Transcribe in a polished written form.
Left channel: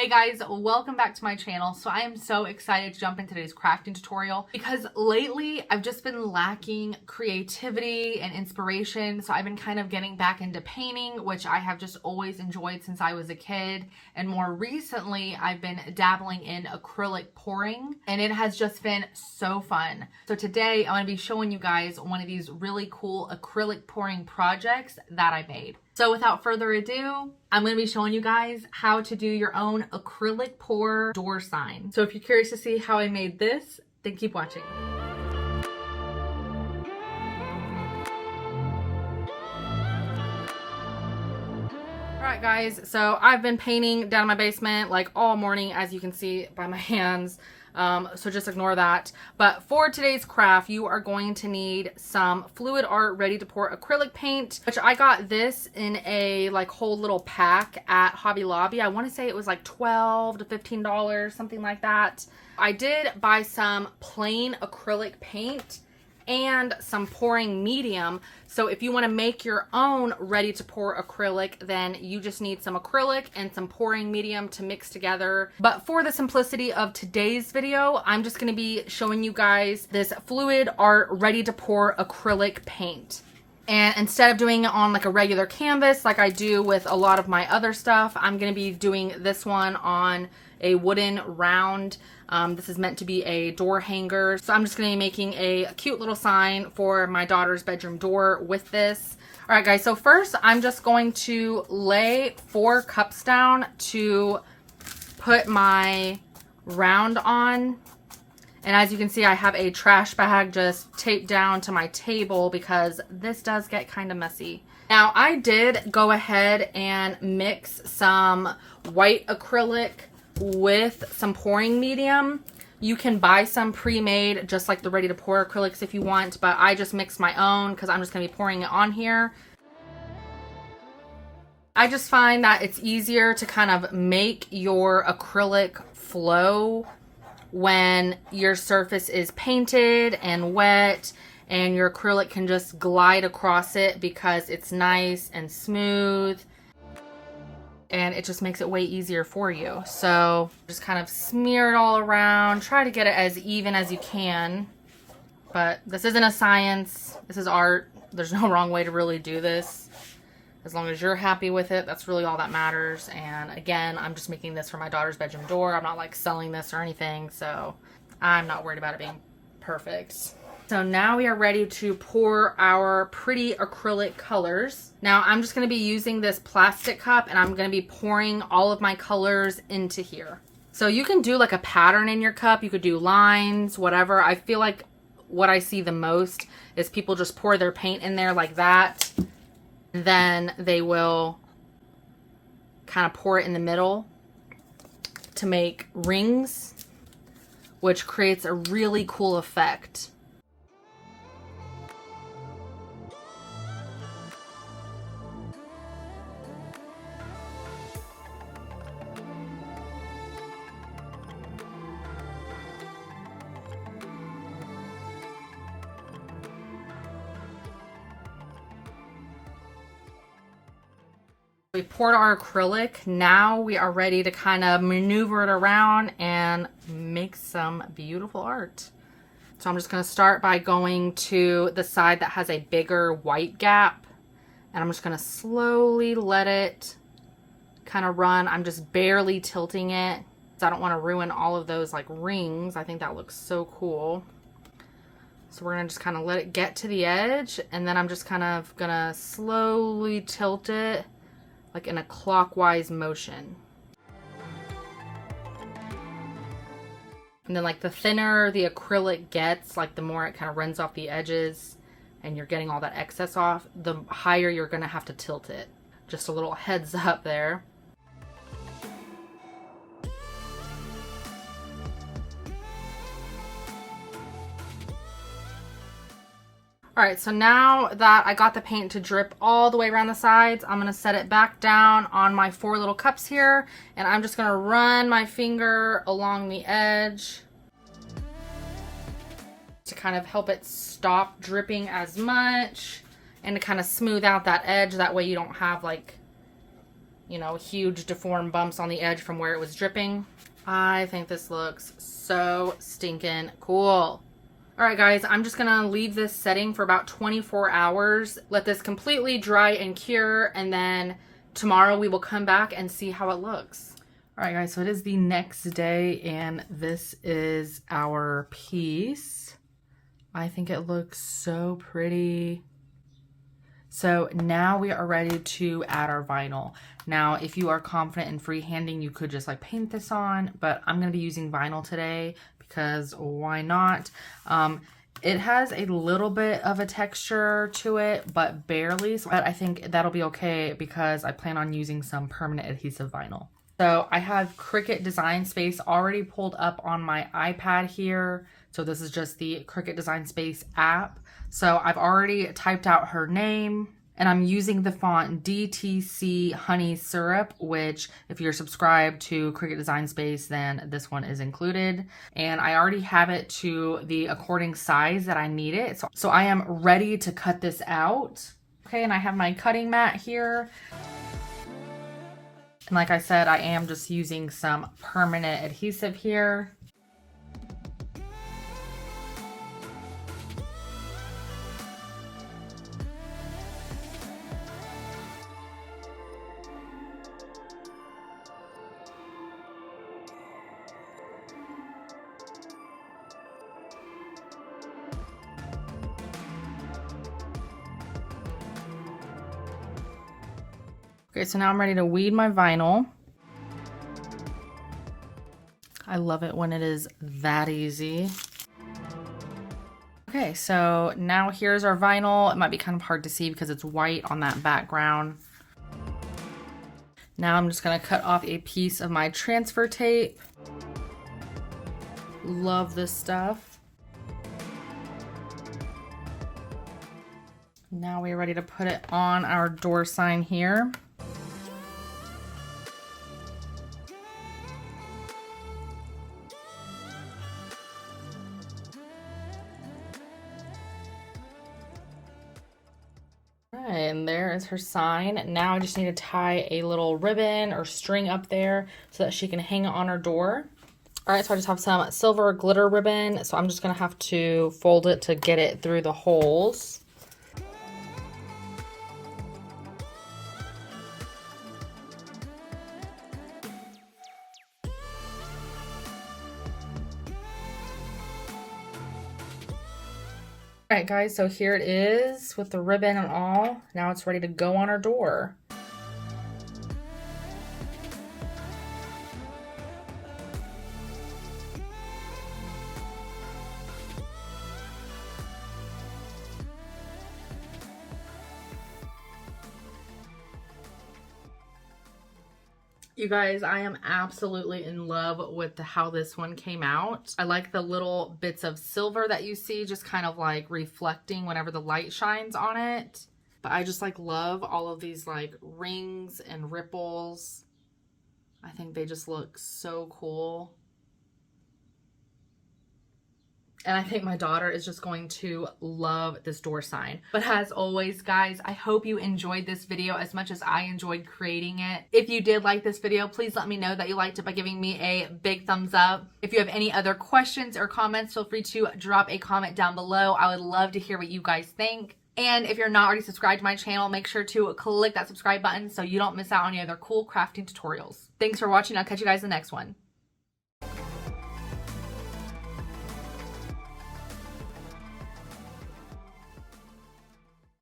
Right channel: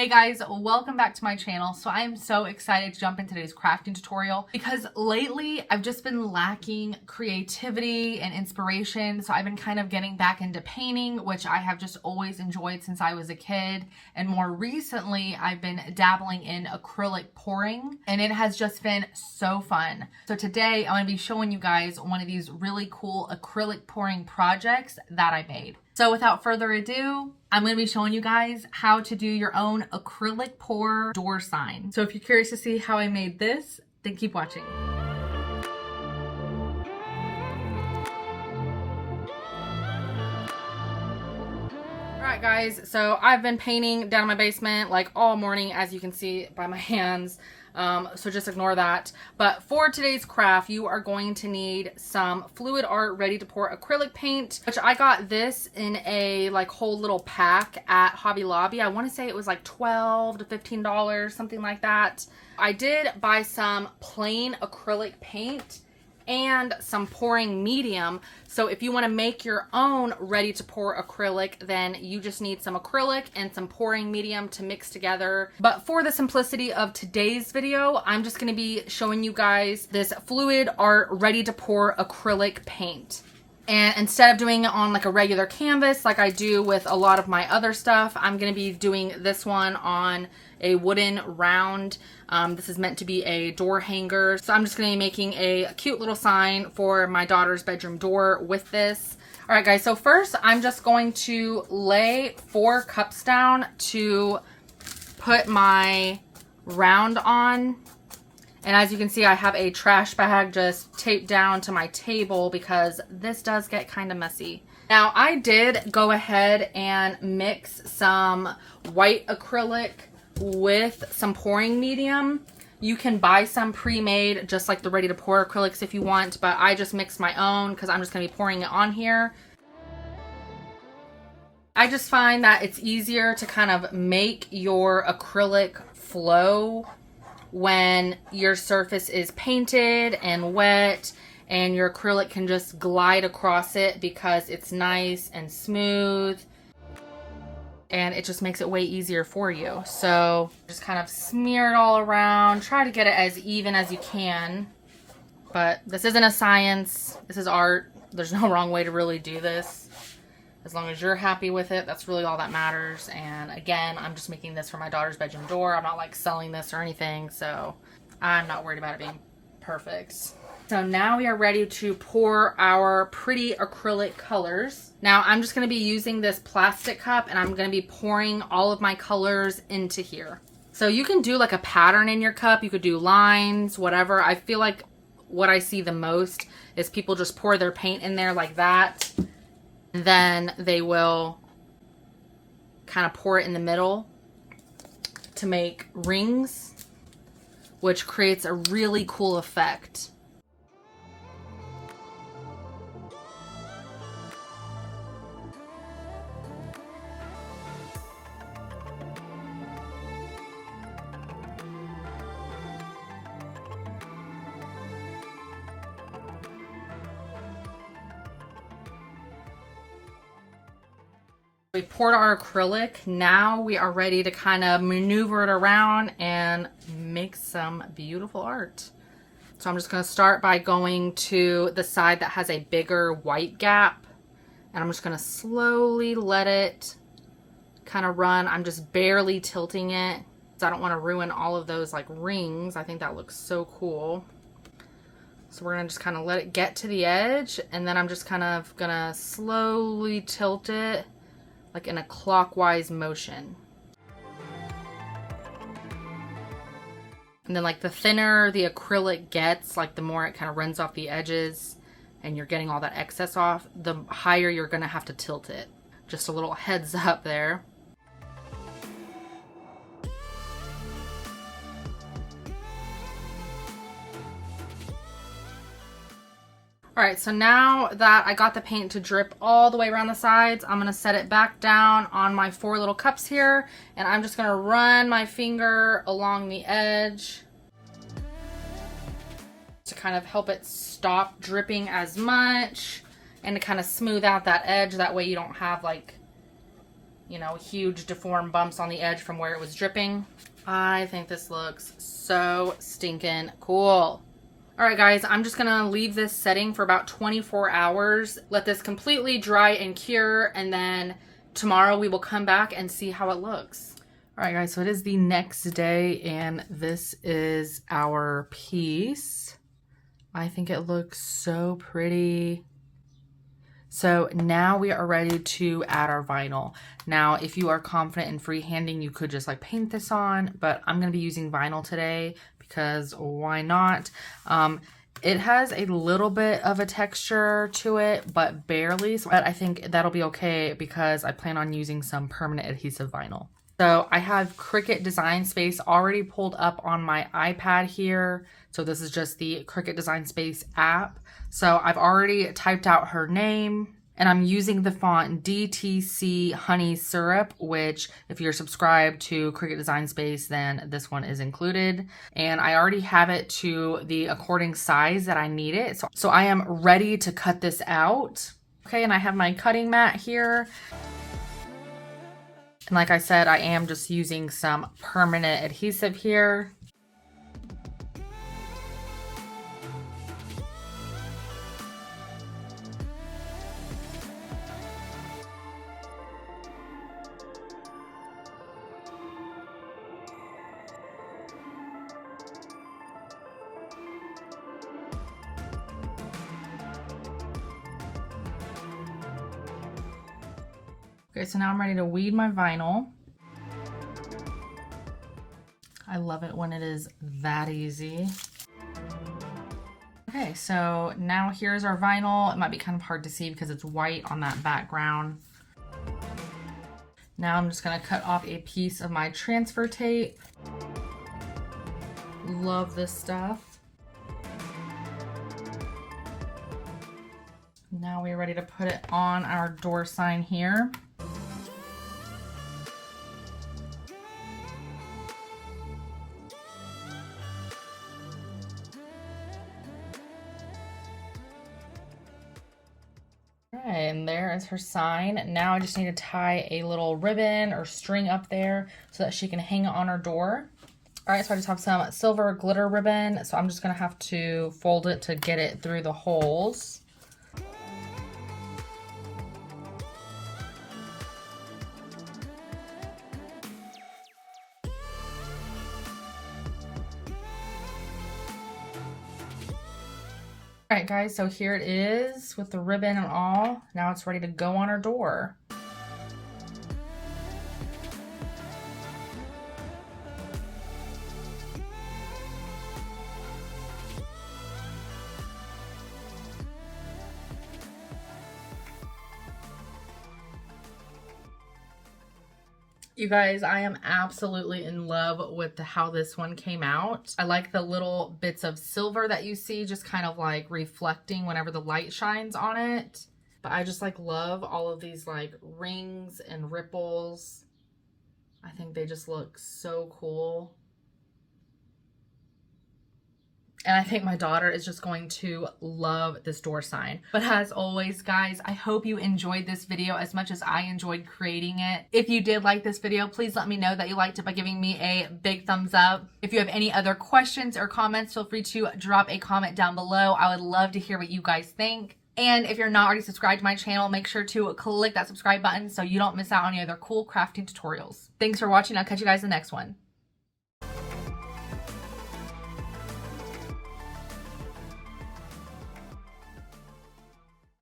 Hey guys, welcome back to my channel. So I am so excited to jump into today's crafting tutorial because lately I've just been lacking creativity and inspiration. So I've been kind of getting back into painting, which I have just always enjoyed since I was a kid. And more recently, I've been dabbling in acrylic pouring and it has just been so fun. So today I'm going to be showing you guys one of these really cool acrylic pouring projects that I made. So without further ado, I'm going to be showing you guys how to do your own acrylic pour door sign. So if you're curious to see how I made this, then keep watching. Alright guys, so I've been painting down in my basement like all morning, as you can see by my hands. So just ignore that. But for today's craft, you are going to need some fluid art ready to pour acrylic paint, which I got this in a like whole little pack at Hobby Lobby. I want to say it was like $12 to $15, something like that. I did buy some plain acrylic paint and some pouring medium. So if you want to make your own ready to pour acrylic, then you just need some acrylic and some pouring medium to mix together. But for the simplicity of today's video, I'm just going to be showing you guys this fluid art ready to pour acrylic paint. And instead of doing it on like a regular canvas like I do with a lot of my other stuff, I'm going to be doing this one on a wooden round. This is meant to be a door hanger. So I'm just going to be making a cute little sign for my daughter's bedroom door with this. All right, guys. So first I'm just going to lay 4 cups down to put my round on. And as you can see, I have a trash bag just taped down to my table because this does get kind of messy. Now I did go ahead and mix some white acrylic with some pouring medium. You can buy some pre-made just like the ready to pour acrylics if you want, but I just mixed my own because I'm just going to be pouring it on here. I just find that it's easier to kind of make your acrylic flow when your surface is painted and wet, and your acrylic can just glide across it because it's nice and smooth. And it just makes it way easier for you. So just kind of smear it all around. Try to get it as even as you can. But this isn't a science. This is art. There's no wrong way to really do this. As long as you're happy with it, that's really all that matters. And again, I'm just making this for my daughter's bedroom door. I'm not like selling this or anything. So I'm not worried about it being perfect. So now we are ready to pour our pretty acrylic colors. Now I'm just going to be using this plastic cup and I'm going to be pouring all of my colors into here. So you can do like a pattern in your cup. You could do lines, whatever. I feel like what I see the most is people just pour their paint in there like that. And then they will kind of pour it in the middle to make rings, which creates a really cool effect. We poured our acrylic. Now we are ready to kind of maneuver it around and make some beautiful art. So I'm just going to start by going to the side that has a bigger white gap. And I'm just going to slowly let it kind of run. I'm just barely tilting it because I don't want to ruin all of those like rings. I think that looks so cool. So we're going to just kind of let it get to the edge. And then I'm just kind of going to slowly tilt it like in a clockwise motion. And then like the thinner the acrylic gets, like the more it kind of runs off the edges and you're getting all that excess off, the higher you're gonna have to tilt it. Just a little heads up there. Alright, so now that I got the paint to drip all the way around the sides, I'm going to set it back down on my 4 little cups here, and I'm just going to run my finger along the edge to kind of help it stop dripping as much and to kind of smooth out that edge. That way you don't have like you know, huge deformed bumps on the edge from where it was dripping. I think this looks so stinking cool. All right, guys, I'm just gonna leave this setting for about 24 hours. Let this completely dry and cure, and then tomorrow we will come back and see how it looks. All right, guys, so it is the next day, and this is our piece. I think it looks so pretty. So now we are ready to add our vinyl. Now, if you are confident in freehanding, you could just like paint this on, but I'm gonna be using vinyl today because why not? It has a little bit of a texture to it, but barely. So I think that'll be okay because I plan on using some permanent adhesive vinyl. So I have Cricut Design Space already pulled up on my iPad here. So this is just the Cricut Design Space app. So I've already typed out her name, and I'm using the font DTC Honey Syrup, which if you're subscribed to Cricut Design Space, then this one is included. And I already have it to the according size that I need it. So I am ready to cut this out. Okay, and I have my cutting mat here. And like I said, I am just using some permanent adhesive here. Okay, so now I'm ready to weed my vinyl. I love it when it is that easy. Okay, so now here's our vinyl. It might be kind of hard to see because it's white on that background. Now I'm just gonna cut off a piece of my transfer tape. Love this stuff. Now we're ready to put it on our door sign here. And there is her sign. Now I just need to tie a little ribbon or string up there so that she can hang it on her door. All right, so I just have some silver glitter ribbon. So I'm just gonna have to fold it to get it through the holes. All right, guys, so here it is with the ribbon and all. Now it's ready to go on our door. You guys, I am absolutely in love with how this one came out. I like the little bits of silver that you see just kind of like reflecting whenever the light shines on it. But I just like love all of these like rings and ripples. I think they just look so cool. And I think my daughter is just going to love this door sign. But as always, guys, I hope you enjoyed this video as much as I enjoyed creating it. If you did like this video, please let me know that you liked it by giving me a big thumbs up. If you have any other questions or comments, feel free to drop a comment down below. I would love to hear what you guys think. And if you're not already subscribed to my channel, make sure to click that subscribe button so you don't miss out on any other cool crafting tutorials. Thanks for watching. I'll catch you guys in the next one.